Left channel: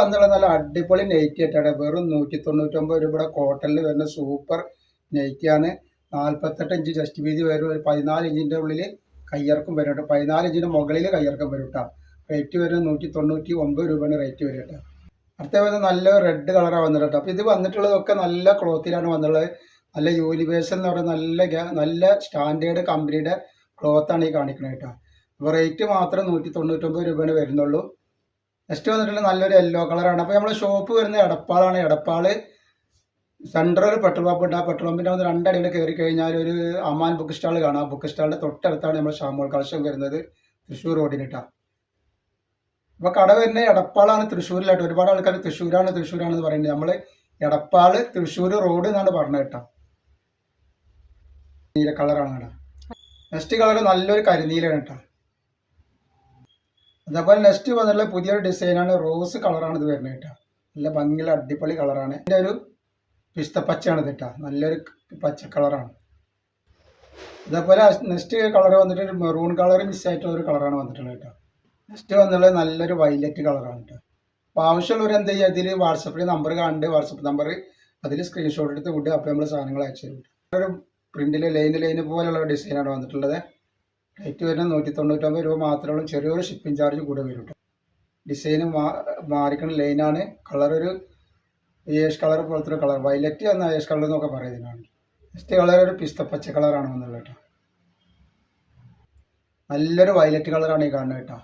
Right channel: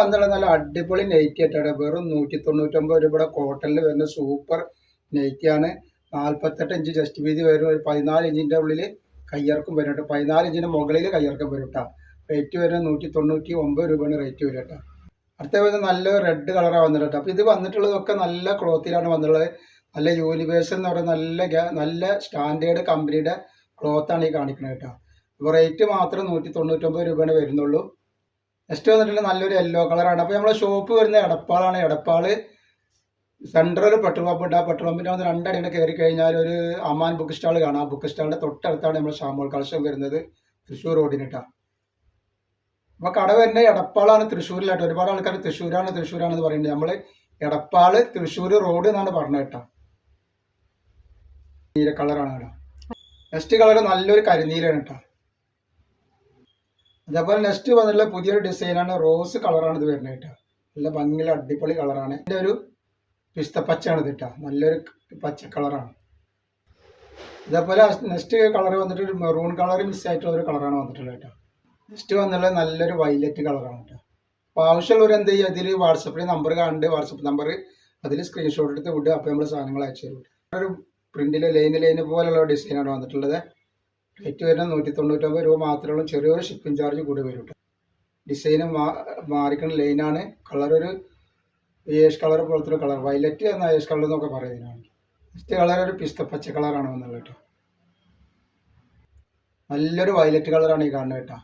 വന്നുള്ള നല്ല അടിപൊളി നൈറ്റി ആയിട്ടാണ്. വെറും 199 രൂപയുടെ കോട്ടണിൽ വരുന്ന സൂപ്പർ നൈറ്റിയാണ്. 48 ഇഞ്ച് ചെസ്റ്റ് വീതി വരും. ഒരു 14 ഇഞ്ചിൻ്റെ ഉള്ളിൽ കയ്യിറക്കം വരും കേട്ടോ. 14 ഇഞ്ചിൻ്റെ മുകളിൽ കയ്യിറക്കം വരും കേട്ടോ. റേറ്റ് വരും 199 രൂപയാണ് റേറ്റ് വരും കേട്ടോ. അടുത്ത നല്ല റെഡ് കളറാണ് വന്നിട്ട് കേട്ടോ. അപ്പോൾ ഇത് വന്നിട്ടുള്ളതൊക്കെ നല്ല ക്ലോത്തിലാണ് വന്നിട്ടുള്ളത്. നല്ല യൂണിവേഴ്സൽ എന്ന് പറയുന്ന നല്ല സ്റ്റാൻഡേർഡ് കമ്പനിയുടെ ക്ലോത്താണ് ഈ കാണിക്കുന്നത് കേട്ടോ. അപ്പോൾ റേറ്റ് മാത്രം 199 രൂപയാണ് വരുന്നുള്ളൂ. നെക്സ്റ്റ് വന്നിട്ടുള്ള നല്ലൊരു യെല്ലോ കളറാണ്. അപ്പോൾ നമ്മുടെ ഷോപ്പ് വരുന്ന എടപ്പാളാണ്. എടപ്പാള് സെൻട്രൽ പെട്രോൾ പമ്പ് ഉണ്ട്. ആ പെട്രോൾ പമ്പിൻ്റെ വന്ന് രണ്ടടിയുടെ കയറി കഴിഞ്ഞാൽ ഒരു അമാൻ ബുക്ക് സ്റ്റാൾ കാണാം. ആ ബുക്ക് സ്റ്റാളിൻ്റെ തൊട്ടടുത്താണ് നമ്മുടെ ഷാമോൾ കളക്ഷൻ വരുന്നത്, തൃശ്ശൂർ റോഡിനിട്ടാണ്. അപ്പോൾ കട വരുന്നത് എടപ്പാളാണ്, തൃശ്ശൂരിലായിട്ട്. ഒരുപാട് ആൾക്കാർ തൃശ്ശൂരാണെന്ന് പറയുന്നത്. നമ്മൾ എടപ്പാള് തൃശ്ശൂർ റോഡ് എന്നാണ് പറഞ്ഞത് കേട്ടോ. നീല കളറാണ് കേട്ടോ. നെക്സ്റ്റ് കളർ നല്ലൊരു കരിനീലാണ് കേട്ടോ. അതേപോലെ നെക്സ്റ്റ് വന്നിട്ടുള്ള പുതിയൊരു ഡിസൈനാണ്. റോസ് കളറാണ് ഇത് വരുന്നത് കേട്ടോ. നല്ല ഭംഗിയുള്ള അടിപൊളി കളറാണ്. ഇതിൻ്റെ ഒരു പിസ്തപ്പച്ചയാണ് ഇത് കേട്ടോ. നല്ലൊരു പച്ച കളറാണ്. അതേപോലെ നെക്സ്റ്റ് കളർ വന്നിട്ട് ഒരു മെറൂൺ കളർ മിസ് ആയിട്ടുള്ള ഒരു കളറാണ് വന്നിട്ടുള്ളത് കേട്ടോ. നെക്സ്റ്റ് വന്നിട്ടുള്ളത് നല്ലൊരു വയലറ്റ് കളറാണ് കേട്ടോ. അപ്പോൾ ആവശ്യമുള്ളവർ എന്ത് ചെയ്യുക, ഇതിൽ വാട്സപ്പിൽ നമ്പർ കാണുന്നുണ്ട്. വാട്സപ്പ് നമ്പർ അതിൽ സ്ക്രീൻഷോട്ട് എടുത്ത് വിടുക. അപ്പോൾ നമ്മൾ സാധനങ്ങൾ അയച്ചു തരും. ഒരു പ്രിന്റിൽ ലൈന് പോലുള്ള ഡിസൈനാണ് വന്നിട്ടുള്ളത്. റേറ്റ് വരുന്നത് 199 രൂപ മാത്രമേ ഉള്ളൂ. ചെറിയൊരു ഷിപ്പിംഗ് ചാർജ് കൂടെ വരും കേട്ടോ. ഡിസൈന് മാറിക്കുന്ന ലൈനാണ്. കളർ ഒരു ഏഷ് കളർ പോലത്തെ ഒരു കളർ, വയലറ്റ് എന്ന ഏഷ് കളർ എന്നൊക്കെ പറയുന്നതിനാണ്. നെക്സ്റ്റ് കളർ ഒരു പിസ്ത പച്ച കളറാണ് വന്നുള്ളത് കേട്ടോ. നല്ലൊരു വയലറ്റ് കളറാണ് ഈ കാണുന്നത് കേട്ടോ.